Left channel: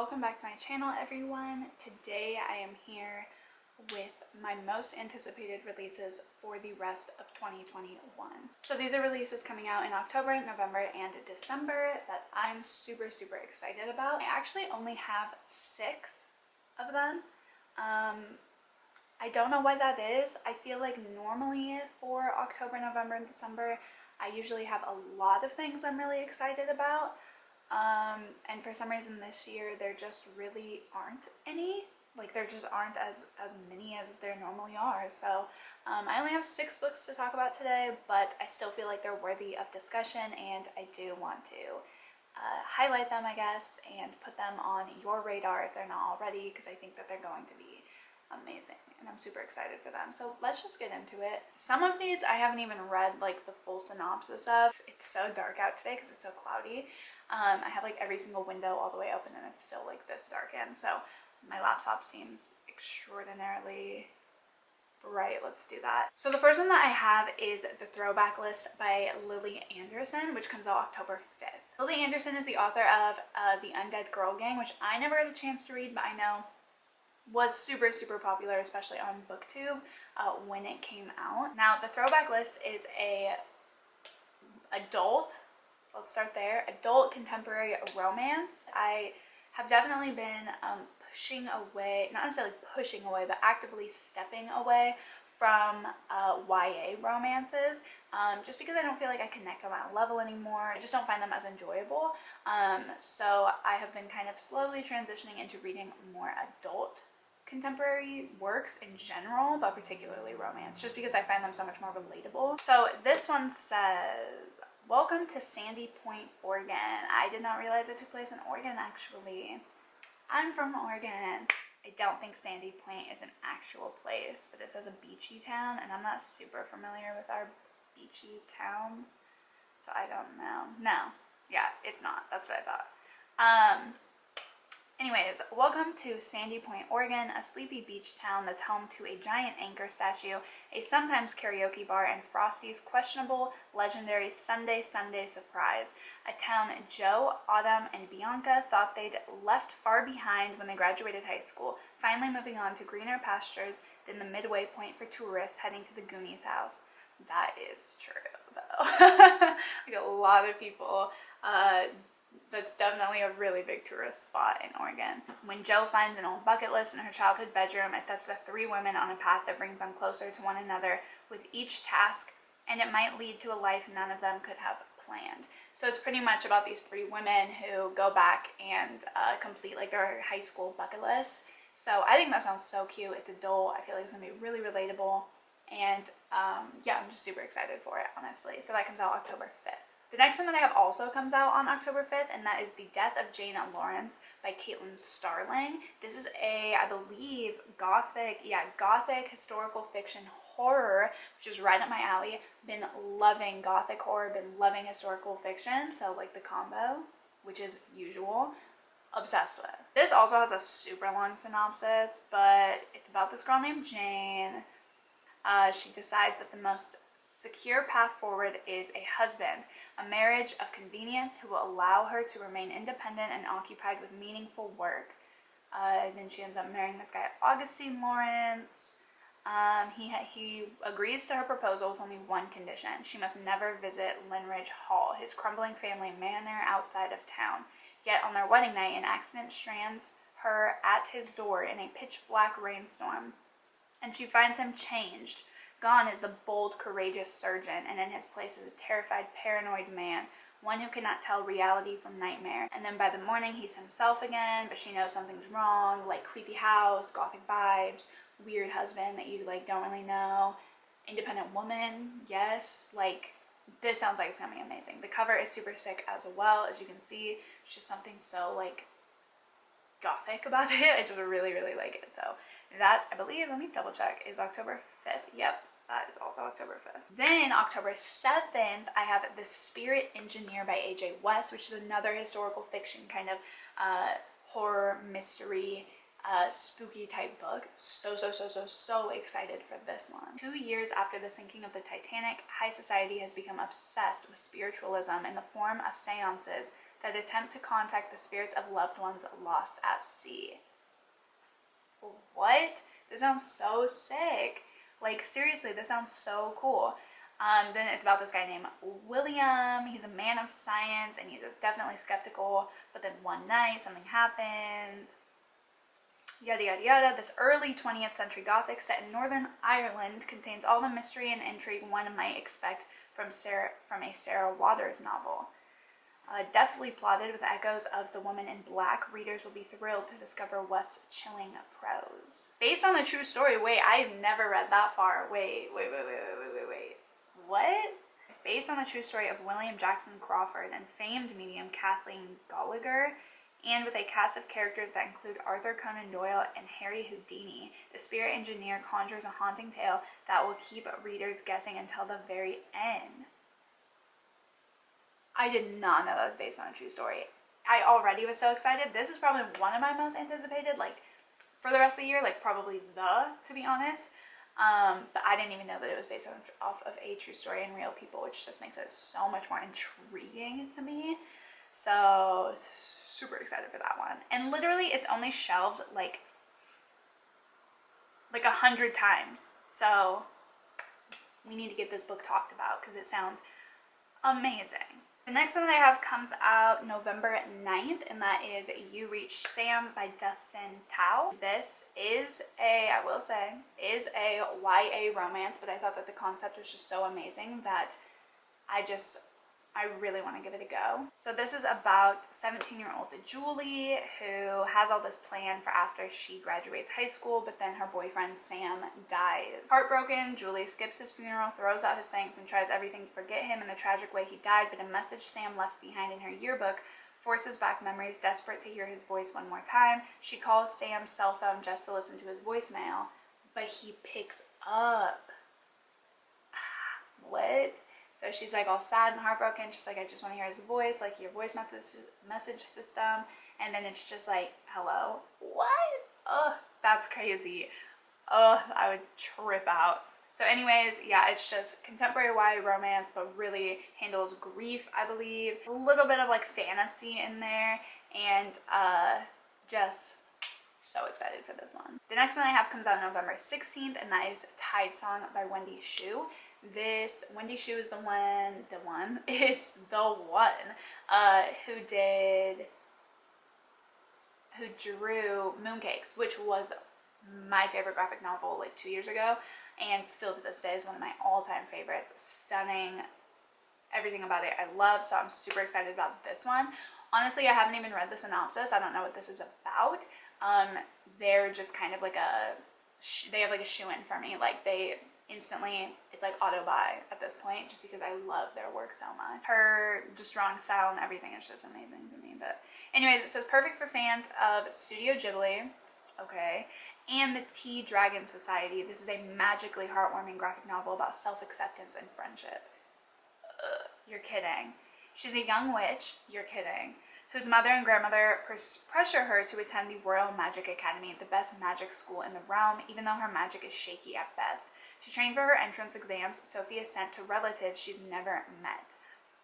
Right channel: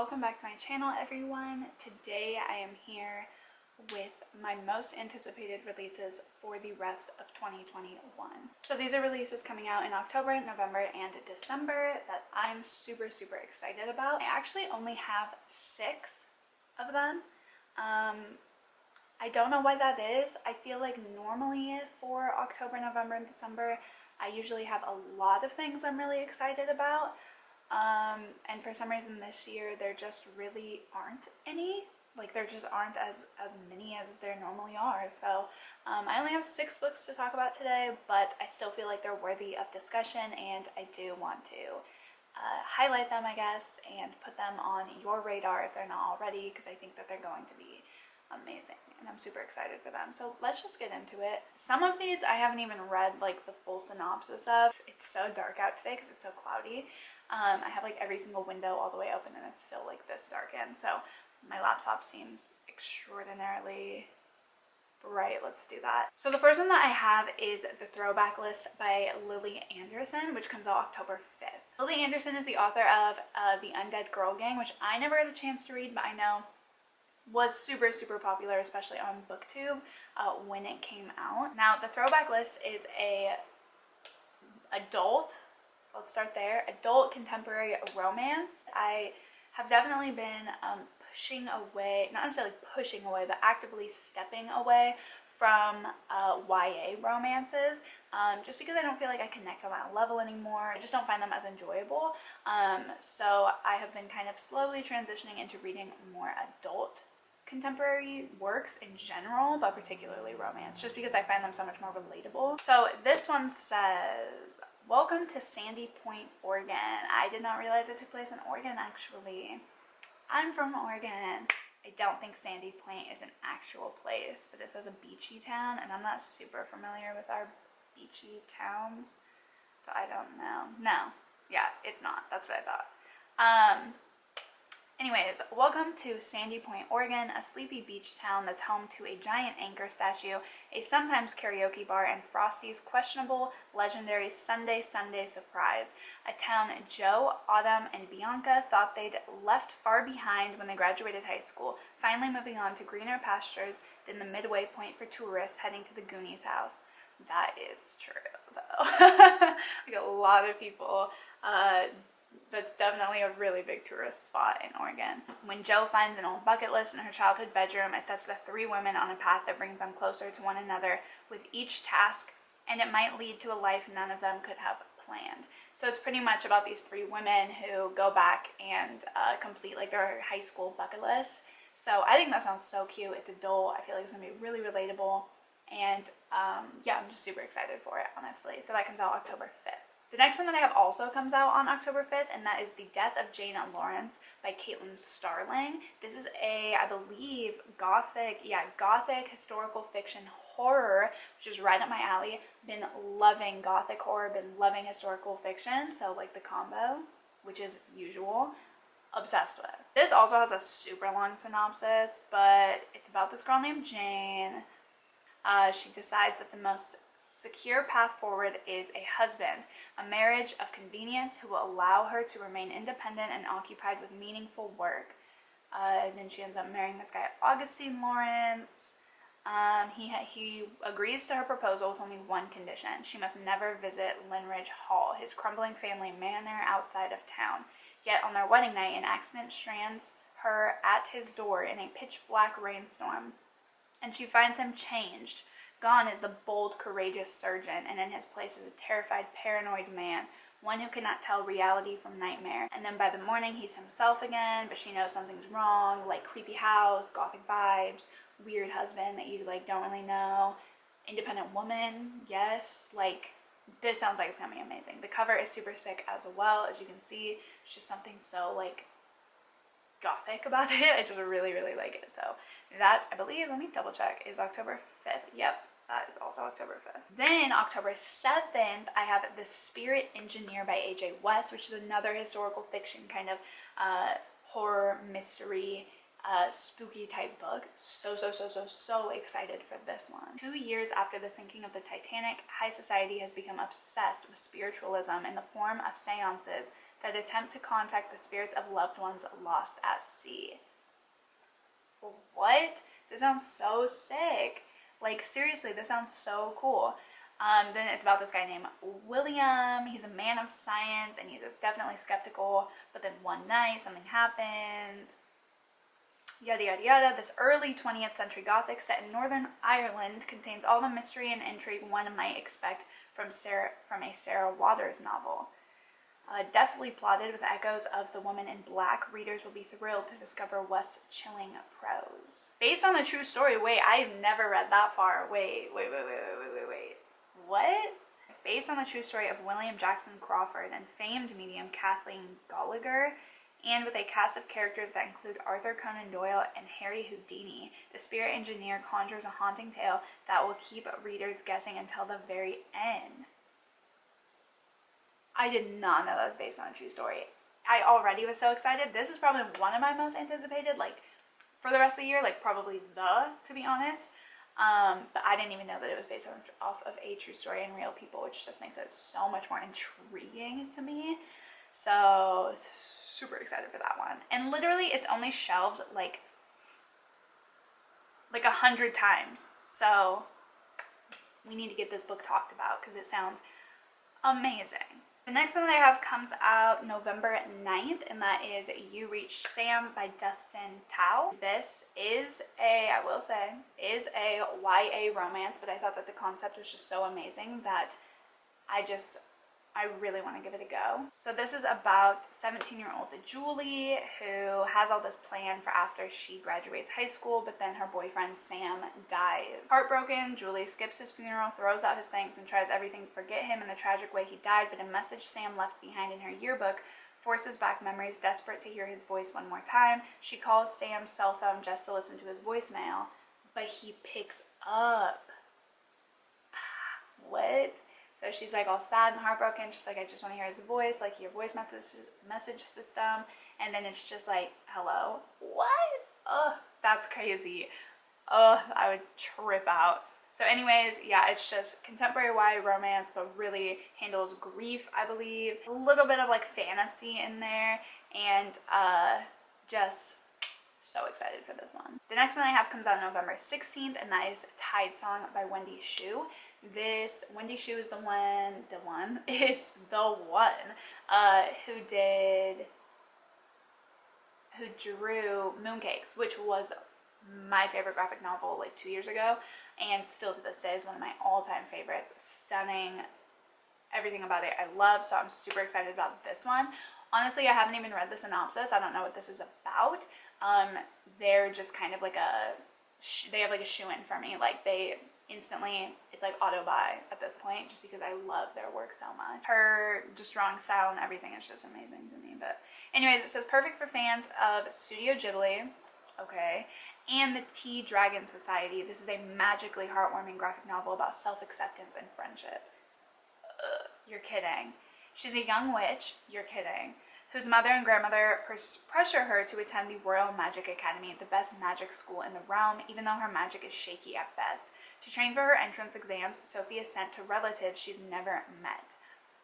Welcome back to my channel, everyone. Today I am here with my most anticipated releases for the rest of 2021. So these are releases coming out in October, November, and December that I'm super excited about. I actually only have 6 of them. I don't know why that is. I feel like normally for October, November, and December, I usually have a lot of things I'm really excited about. And for some reason this year there just really aren't any. Like there just aren't as many as there normally are. So I only have 6 books to talk about today, but I still feel like they're worthy of discussion, and I do want to highlight them, I guess, and put them on your radar if they're not already, because I think that they're going to be amazing and I'm super excited for them. So let's just get into it. Some of these I haven't even read like the full synopsis of. It's so dark out today because it's so cloudy. I have like every single window all the way open and it's still like this dark in, so my laptop seems extraordinarily bright. Let's do that. So the first one that I have is The Throwback List by Lily Anderson, which comes out October 5th. Lily Anderson is the author of The Undead Girl Gang, which I never had a chance to read, but I know was super popular, especially on BookTube when it came out. Now, The Throwback List is a adult, let's start there, adult contemporary romance. I have definitely been pushing away, not necessarily pushing away, but actively stepping away from YA romances, just because I don't feel like I connect on that level anymore. I just don't find them as enjoyable. So I have been kind of slowly transitioning into reading more adult contemporary works in general, but particularly romance, just because I find them so much more relatable. So this one says, welcome to Sandy Point, Oregon. I did not realize it took place in Oregon, actually. I'm from Oregon. I don't think Sandy Point is an actual place, but it says a beachy town, and I'm not super familiar with our beachy towns, so I don't know. No, yeah, it's not. That's what I thought. Anyways, welcome to Sandy Point, Oregon, a sleepy beach town that's home to a giant anchor statue, a sometimes karaoke bar, and Frosty's questionable, legendary Sunday surprise. A town Joe, Autumn, and Bianca thought they'd left far behind when they graduated high school, finally moving on to greener pastures than the midway point for tourists heading to the Goonies house. That is true, though. Like a lot of people, that's definitely a really big tourist spot in Oregon. When Jo finds an old bucket list in her childhood bedroom, it sets the 3 women on a path that brings them closer to one another with each task, and it might lead to a life none of them could have planned. So it's pretty much about these 3 women who go back and complete like their high school bucket list. So I think that sounds so cute. It's adult. I feel like it's gonna be really relatable, and yeah, I'm just super excited for it, honestly. So that comes out October 5th. The next one that I have also comes out on October 5th, and that is The Death of Jane Lawrence by Caitlin Starling. This is a, I believe, gothic historical fiction horror, which is right up my alley. Been loving gothic horror, been loving historical fiction, so like the combo, which is usual. Obsessed with. This also has a super long synopsis, but it's about this girl named Jane. She decides that the most secure path forward is a husband, a marriage of convenience who will allow her to remain independent and occupied with meaningful work. Then she ends up marrying this guy, Augustine Lawrence. He agrees to her proposal with only one condition. She must never visit Linridge Hall, his crumbling family manor outside of town. Yet on their wedding night, an accident strands her at his door in a pitch-black rainstorm, and she finds him changed. Gone is the bold, courageous surgeon, and in his place is a terrified, paranoid man, one who cannot tell reality from nightmare. And then by the morning, he's himself again, but she knows something's wrong, like creepy house, gothic vibes, weird husband that you like don't really know, independent woman, yes, like this sounds like it's gonna be amazing. The cover is super sick as well, as you can see. It's just something so like gothic about it. I just really like it. So that, I believe, let me double check, is October 5th. Yep, that is also October 5th. Then October 7th, I have The Spirit Engineer by A.J. West, which is another historical fiction kind of horror mystery spooky type book. So excited for this one. 2 years after the sinking of the Titanic, high society has become obsessed with spiritualism in the form of seances, that attempt to contact the spirits of loved ones lost at sea. What? This sounds so sick. Like, seriously, this sounds so cool. Then it's about this guy named William. He's a man of science, and he's definitely skeptical, but then one night something happens. Yada yada yada. This early 20th century Gothic set in Northern Ireland contains all the mystery and intrigue one might expect from a Sarah Waters novel. Deftly plotted with echoes of The Woman in Black, readers will be thrilled to discover West's chilling prose. Based on the true story. Wait, I've never read that far. Wait. What? Based on the true story of William Jackson Crawford and famed medium Kathleen Gallagher, and with a cast of characters that include Arthur Conan Doyle and Harry Houdini, the spirit engineer conjures a haunting tale that will keep readers guessing until the very end. I did not know that was based on a true story. I already was so excited. This is probably one of my most anticipated, like, for the rest of the year, like, probably to be honest. But I didn't even know that it was based off of a true story and real people, which just makes it so much more intriguing to me. So, super excited for that one. And literally, it's only shelved, like 100 times. So, we need to get this book talked about because it sounds amazing. The next one that I have comes out November 9th, and that is You Reach Sam by Dustin Tao. This is I will say, a YA romance, but I thought that the concept was just so amazing that I really want to give it a go. So this is about 17-year-old Julie, who has all this plan for after she graduates high school, but then her boyfriend Sam dies. Heartbroken, Julie skips his funeral, throws out his things, and tries everything to forget him in the tragic way he died, but a message Sam left behind in her yearbook forces back memories. Desperate to hear his voice one more time, she calls Sam's cell phone just to listen to his voicemail, but he picks up. What? So she's like all sad and heartbroken. She's like, I just want to hear his voice, like your voice message system. And then it's just like, hello? What? Ugh, that's crazy. Ugh, I would trip out. So anyways, yeah, it's just contemporary YA romance, but really handles grief, I believe. A little bit of like fantasy in there, and just so excited for this one. The next one I have comes out November 16th, and that is Tidesong by Wendy Xu. This Wendy Xu is the one who drew Mooncakes, which was my favorite graphic novel like 2 years ago, and still to this day is one of my all-time favorites. Stunning, everything about it I love, so I'm super excited about this one. Honestly, I haven't even read the synopsis. I don't know what this is about. They're just kind of like they have like a shoe-in for me. Like they instantly, it's like auto buy at this point, just because I love their work so much. Her just drawing style and everything is just amazing to me. But anyways, it says perfect for fans of Studio Ghibli, okay, and the Tea Dragon Society. This is a magically heartwarming graphic novel about self-acceptance and friendship. You're kidding. She's a young witch, you're kidding, whose mother and grandmother pressure her to attend the Royal Magic Academy, the best magic school in the realm, even though her magic is shaky at best. To train for her entrance exams, Sophie is sent to relatives she's never met.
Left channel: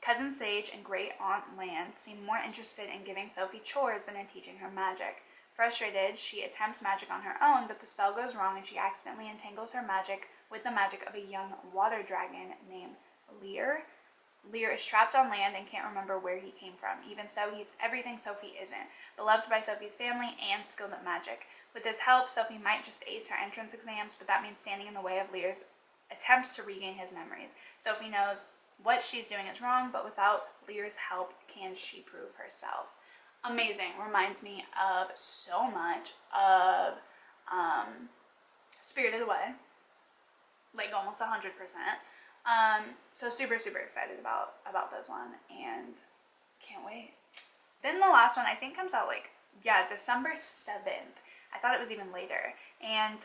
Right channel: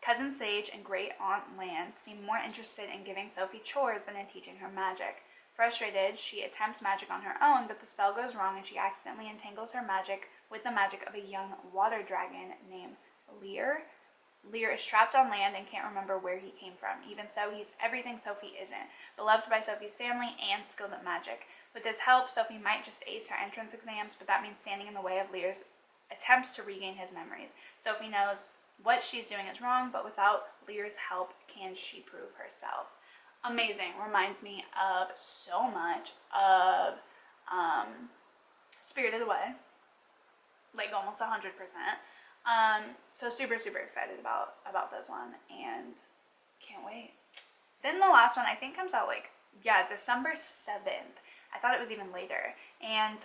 Cousin Sage and Great Aunt Lan seem more interested in giving Sophie chores than in teaching her magic. Frustrated, she attempts magic on her own, but the spell goes wrong and she accidentally entangles her magic with the magic of a young water dragon named Lear. Lear is trapped on land and can't remember where he came from. Even so, he's everything Sophie isn't, beloved by Sophie's family and skilled at magic. With his help, Sophie might just ace her entrance exams, but that means standing in the way of Lear's attempts to regain his memories. Sophie knows what she's doing is wrong, but without Lear's help, can she prove herself? Amazing. Reminds me of so much of Spirited Away, like almost 100%. So super excited about this one and can't wait. Then the last one I think comes out December 7th. I thought it was even later, and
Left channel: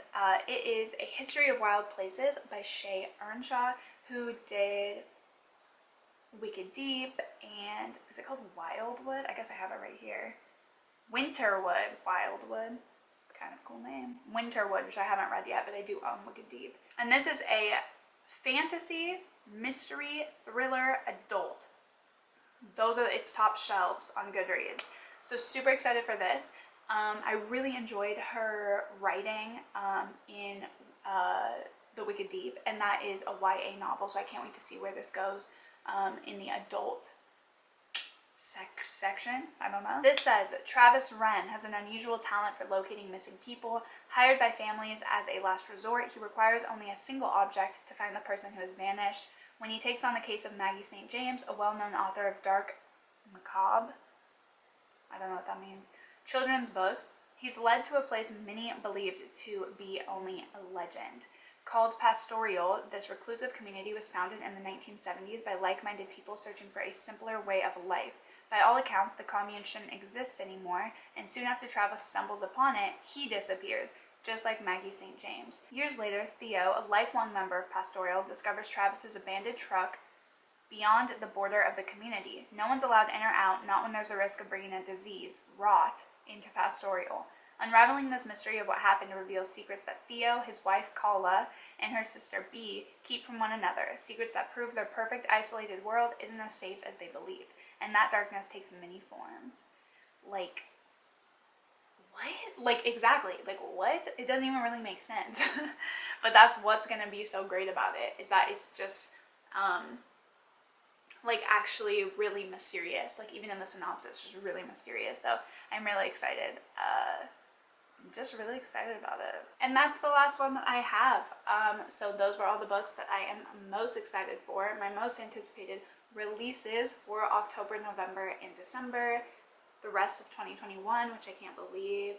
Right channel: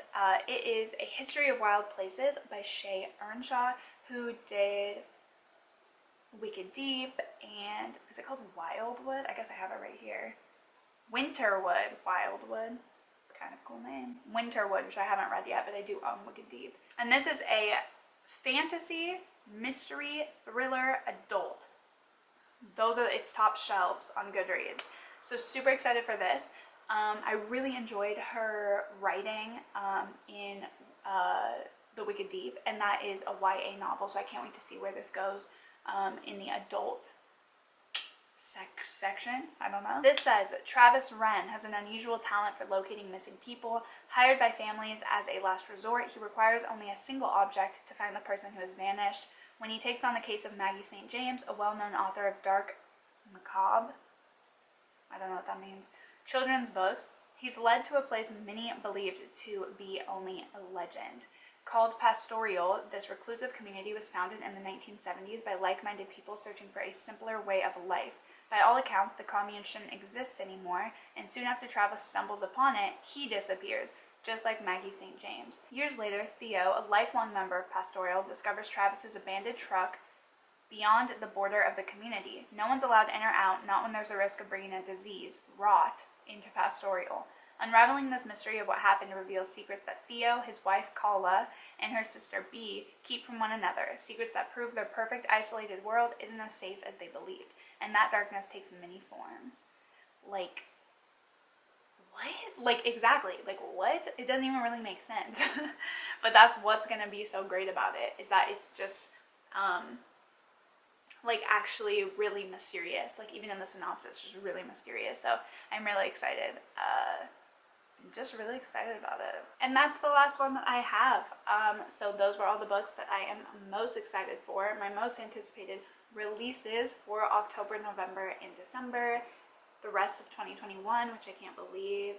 it is A History of Wild Places by Shay Earnshaw, who did Wicked Deep, and is it called Wildwood? I guess I have it right here. Winterwood, Wildwood, kind of cool name. Winterwood, which I haven't read yet, but I do own Wicked Deep. And this is a fantasy, mystery, thriller, adult. its top shelves on Goodreads. So super excited for this. I really enjoyed her writing in The Wicked Deep, and that is a YA novel, so I can't wait to see where this goes in the adult section. I don't know. This says, Travis Wren has an unusual talent for locating missing people. Hired by families as a last resort, he requires only a single object to find the person who has vanished. When he takes on the case of Maggie St. James, a well-known author of dark, macabre, I don't know what that means, children's books, he's led to a place many believed to be only a legend. Called Pastoral, this reclusive community was founded in the 1970s by like-minded people searching for a simpler way of life. By all accounts, the commune shouldn't exist anymore, and soon after Travis stumbles upon it, he disappears, just like Maggie St. James. Years later, Theo, a lifelong member of Pastoral, discovers Travis's abandoned truck beyond the border of the community. No one's allowed in or out, not when there's a risk of bringing a disease, rot, into Pastoral. Unraveling this mystery of what happened reveals secrets that Theo, his wife Kala, and her sister Bee keep from one another, secrets that prove their perfect isolated world isn't as safe as they believed, and that darkness takes many forms. Like, what? Like, exactly. Like, what? It doesn't even really make sense. But that's what's gonna be so great about it, is that it's just, like, actually really mysterious. Like, even in the synopsis, just really mysterious. So I'm really excited. Just really excited about it. And that's the last one that I have. So those were all the books that I am most excited for. My most anticipated releases for October, November, and December. The rest of 2021, which I can't believe.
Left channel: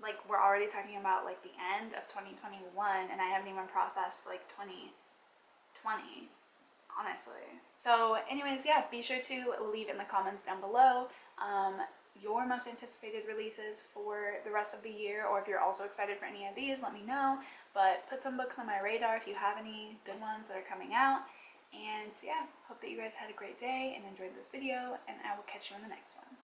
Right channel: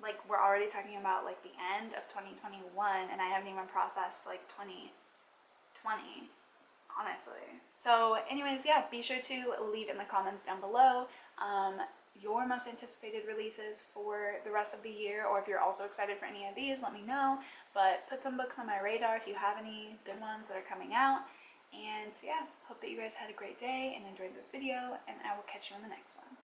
Like, we're already talking about, like, the end of 2021, and I haven't even processed, like, 2020. Honestly. So anyways, yeah, be sure to leave in the comments down below your most anticipated releases for the rest of the year, or if you're also excited for any of these, let me know. But put some books on my radar if you have any good ones that are coming out. And yeah, hope that you guys had a great day and enjoyed this video, and I will catch you in the next one.